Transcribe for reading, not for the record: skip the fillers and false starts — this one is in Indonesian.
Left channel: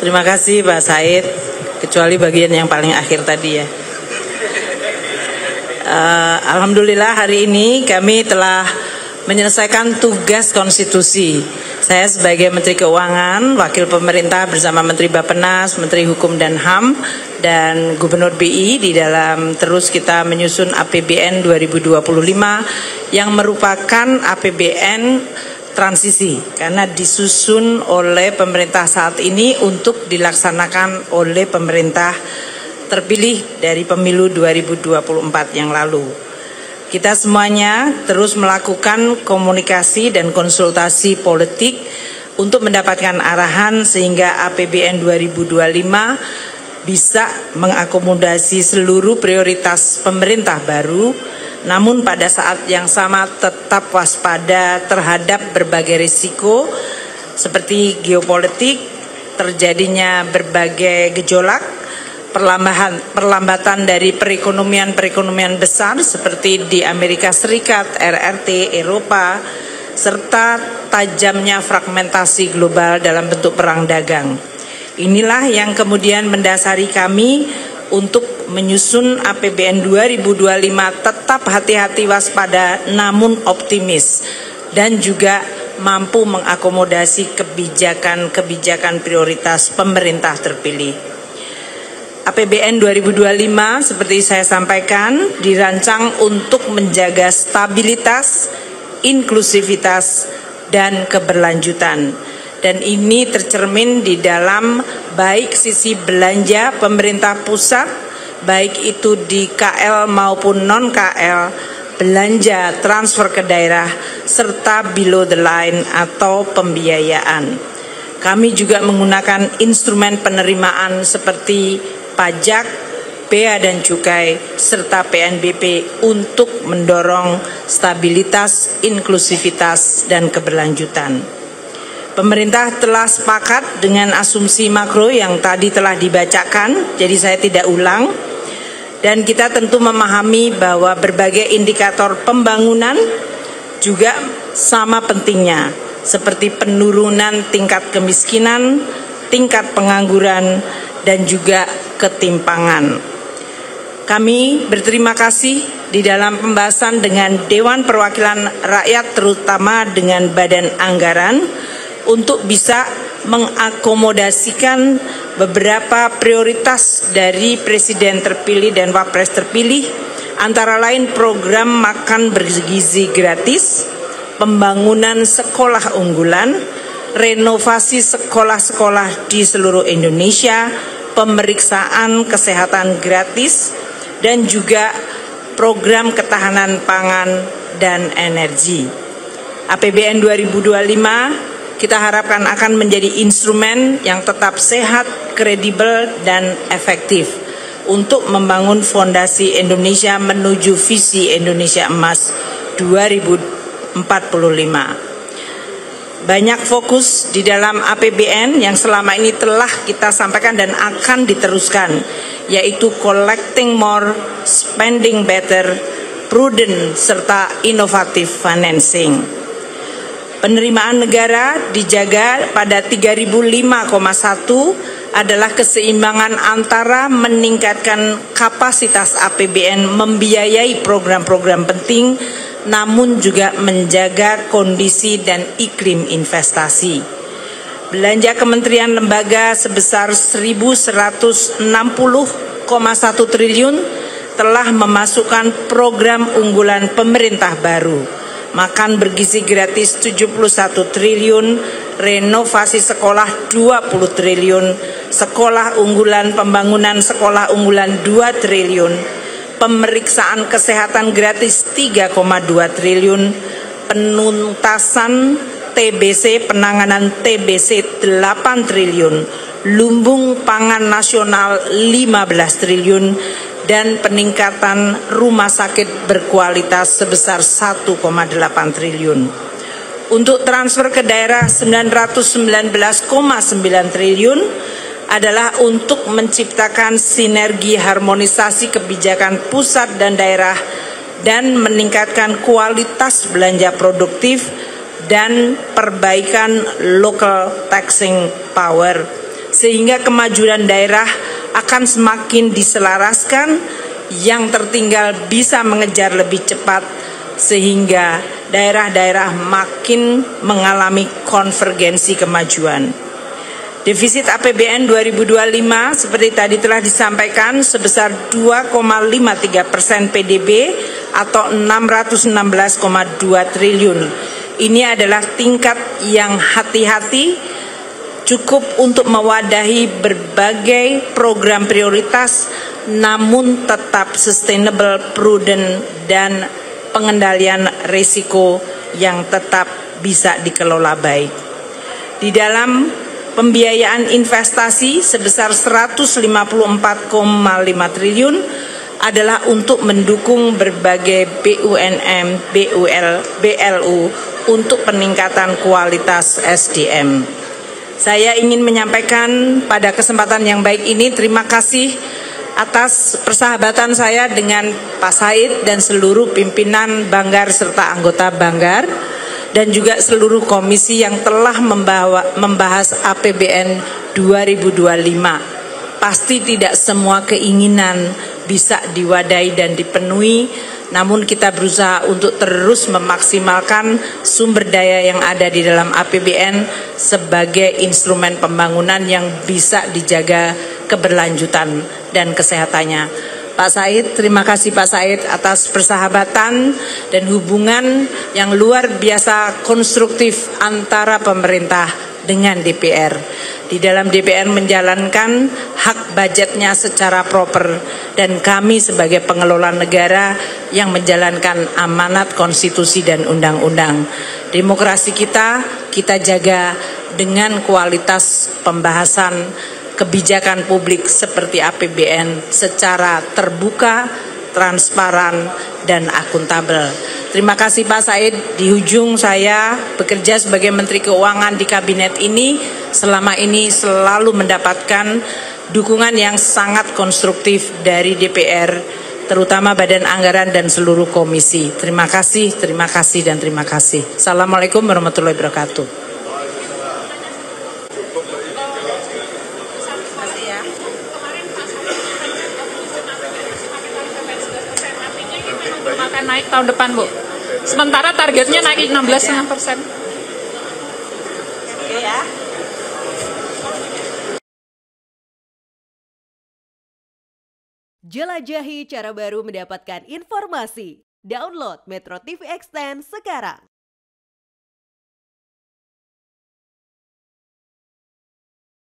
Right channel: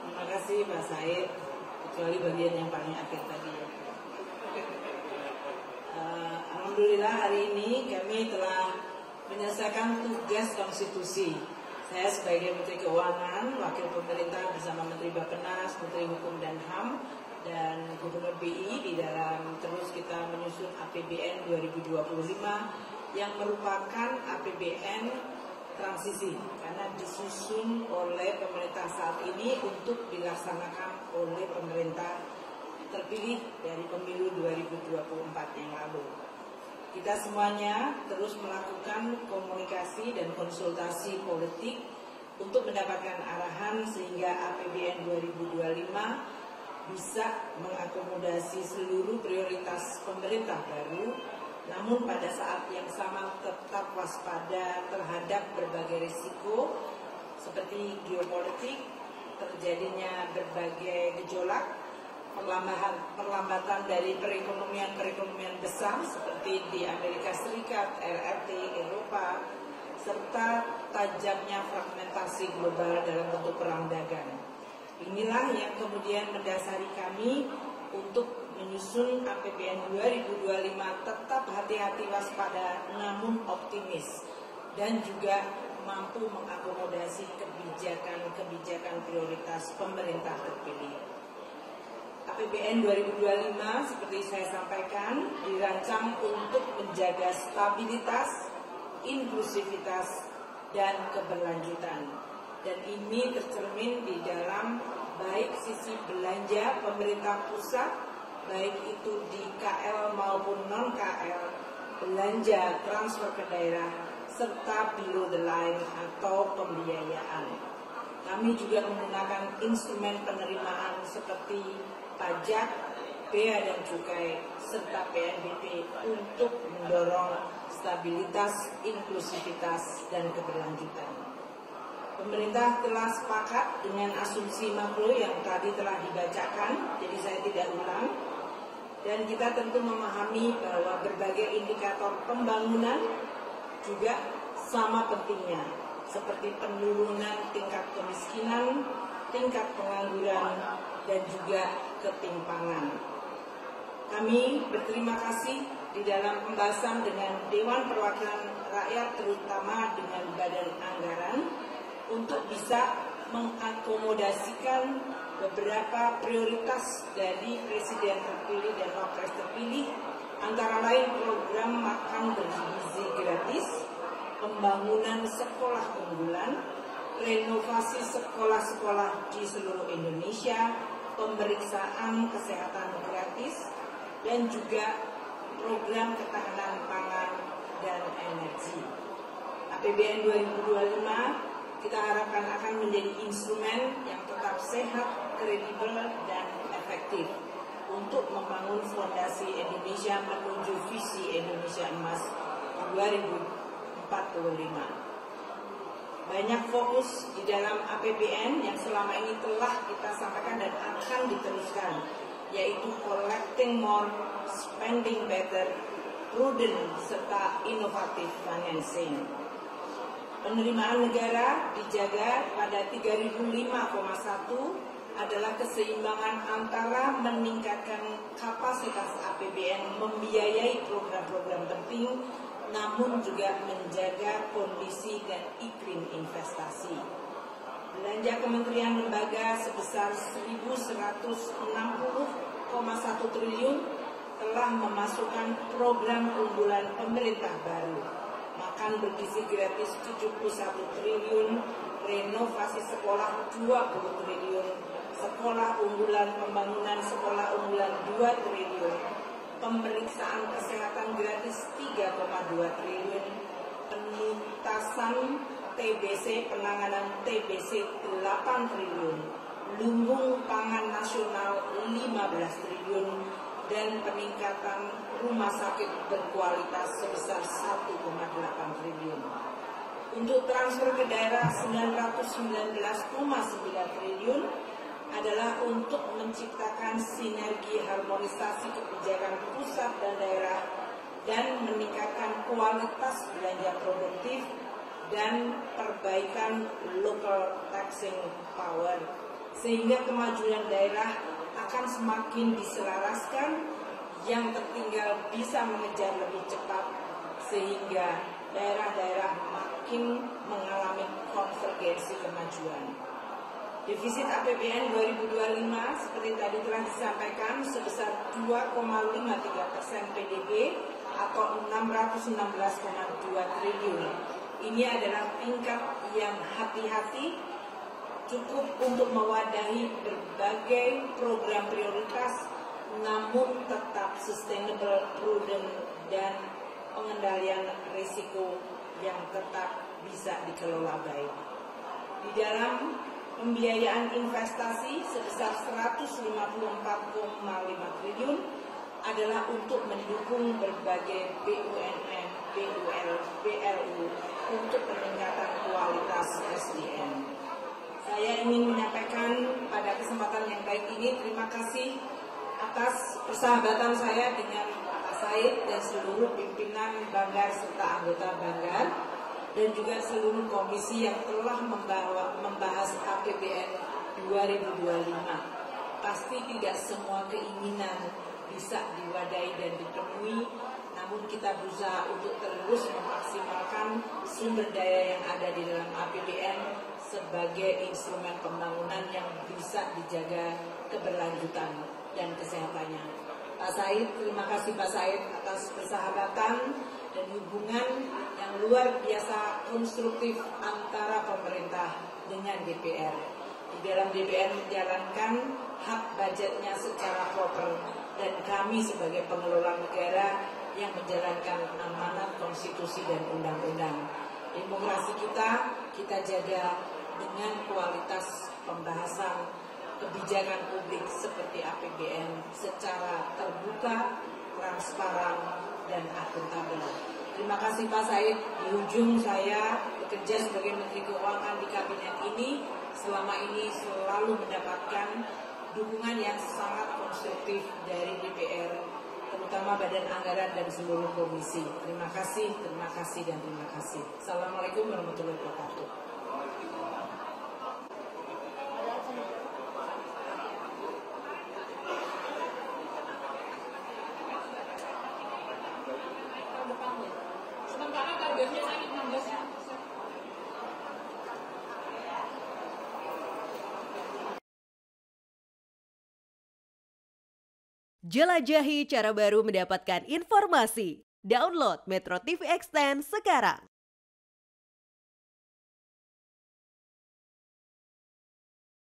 Terima kasih Pak Said, kecuali bagian yang paling akhir tadi ya. Alhamdulillah hari ini kami telah menyelesaikan tugas konstitusi. Saya sebagai Menteri Keuangan, Wakil Pemerintah bersama Menteri Bappenas, Menteri Hukum dan HAM, dan Gubernur BI di dalam terus kita menyusun APBN 2025 yang merupakan APBN transisi karena disusun oleh pemerintah saat ini untuk dilaksanakan oleh pemerintah terpilih dari pemilu 2024 yang lalu. Kita semuanya terus melakukan komunikasi dan konsultasi politik untuk mendapatkan arahan sehingga APBN 2025 bisa mengakomodasi seluruh prioritas pemerintah baru, namun pada saat yang sama tetap waspada terhadap berbagai risiko seperti geopolitik, terjadinya berbagai gejolak, perlambatan dari perekonomian besar seperti di Amerika Serikat, RRT, Eropa, serta tajamnya fragmentasi global dalam bentuk perang dagang. Inilah yang kemudian mendasari kami untuk menyusun APBN 2025 tetap hati-hati waspada namun optimis dan juga mampu mengakomodasi kebijakan prioritas pemerintah terpilih. APBN 2025 seperti saya sampaikan dirancang untuk menjaga stabilitas, inklusivitas, dan keberlanjutan. Dan ini tercermin di dalam baik sisi belanja pemerintah pusat, baik itu di KL maupun non-KL, belanja transfer ke daerah, serta below the line atau pembiayaan. Kami juga menggunakan instrumen penerimaan seperti pajak, bea dan cukai, serta PNBP untuk mendorong stabilitas, inklusivitas, dan keberlanjutan. Pemerintah telah sepakat dengan asumsi makro yang tadi telah dibacakan, jadi saya tidak ulang. Dan kita tentu memahami bahwa berbagai indikator pembangunan juga sama pentingnya, seperti penurunan tingkat kemiskinan, tingkat pengangguran, dan juga ketimpangan. Kami berterima kasih di dalam pembahasan dengan Dewan Perwakilan Rakyat, terutama dengan Badan Anggaran, untuk bisa mengakomodasikan beberapa prioritas dari Presiden terpilih dan Wapres terpilih, antara lain program makan bergizi gratis, pembangunan sekolah unggulan, renovasi sekolah-sekolah di seluruh Indonesia, pemeriksaan kesehatan gratis, dan juga program ketahanan pangan dan energi. APBN 2025 kita harapkan akan menjadi instrumen yang tetap sehat, kredibel, dan efektif untuk membangun fondasi Indonesia menuju visi Indonesia Emas 2045. Banyak fokus di dalam APBN yang selama ini telah kita sampaikan dan akan diteruskan, yaitu collecting more, spending better, prudent, serta innovative financing. Penerimaan negara dijaga pada 3005,1 adalah keseimbangan antara meningkatkan kapasitas APBN membiayai program-program penting, namun juga menjaga kondisi dan iklim investasi. Belanja kementerian lembaga sebesar 1.160,1 triliun telah memasukkan program unggulan pemerintah baru. Makan bergizi gratis 71 triliun, renovasi sekolah 20 triliun, sekolah unggulan, pembangunan sekolah unggulan 2 triliun, pemeriksaan kesehatan gratis 3,2 triliun, penuntasan TBC, penanganan TBC 8 triliun, lumbung pangan nasional 15 triliun, dan peningkatan rumah sakit berkualitas sebesar 1,8 triliun. Untuk transfer ke daerah 919,9 triliun adalah untuk menciptakan sinergi harmonisasi kebijakan pusat dan daerah dan meningkatkan kualitas belanja produktif dan perbaikan local taxing power sehingga kemajuan daerah akan semakin diselaraskan, yang tertinggal bisa mengejar lebih cepat, sehingga daerah-daerah makin mengalami konvergensi kemajuan. Defisit APBN 2025 seperti tadi telah disampaikan sebesar 2,53% PDB atau 616,2 triliun. Ini adalah tingkat yang hati-hati, cukup untuk mewadahi berbagai program prioritas, namun tetap sustainable, prudent, dan pengendalian risiko yang tetap bisa dikelola baik. Di dalam pembiayaan investasi sebesar 154,5 triliun adalah untuk mendukung berbagai BUMN, BLU untuk peningkatan kualitas SDM. Saya ingin menyampaikan pada kesempatan yang baik ini terima kasih atas persahabatan saya dengan Pak Said dan seluruh pimpinan Banggar serta anggota Banggar, dan juga seluruh komisi yang telah membahas APBN 2025. Pasti tidak semua keinginan bisa diwadahi dan dipenuhi, namun kita berusaha untuk terus memaksimalkan sumber daya yang ada di dalam APBN sebagai instrumen pembangunan yang bisa dijaga keberlanjutan dan kesehatannya. Pak Said, terima kasih Pak Said atas persahabatan dan hubungan yang luar biasa konstruktif antara pemerintah dengan DPR. Di dalam DPR menjalankan hak budgetnya secara proper, dan kami sebagai pengelola negara yang menjalankan amanat konstitusi dan undang-undang. Demokrasi kita jaga dengan kualitas pembahasan kebijakan publik seperti APBN secara terbuka, transparan, dan akuntabel. Terima kasih Pak Said. Di ujung saya bekerja sebagai Menteri Keuangan di kabinet ini, selama ini selalu mendapatkan dukungan yang sangat konstruktif dari DPR, terutama Badan Anggaran dan seluruh komisi. Terima kasih, dan terima kasih. Assalamualaikum warahmatullahi wabarakatuh. Akan naik tahun depan, Bu. Sementara targetnya naik 16,5%. Oke ya. Jelajahi cara baru mendapatkan informasi. Download Metro TV Extend sekarang.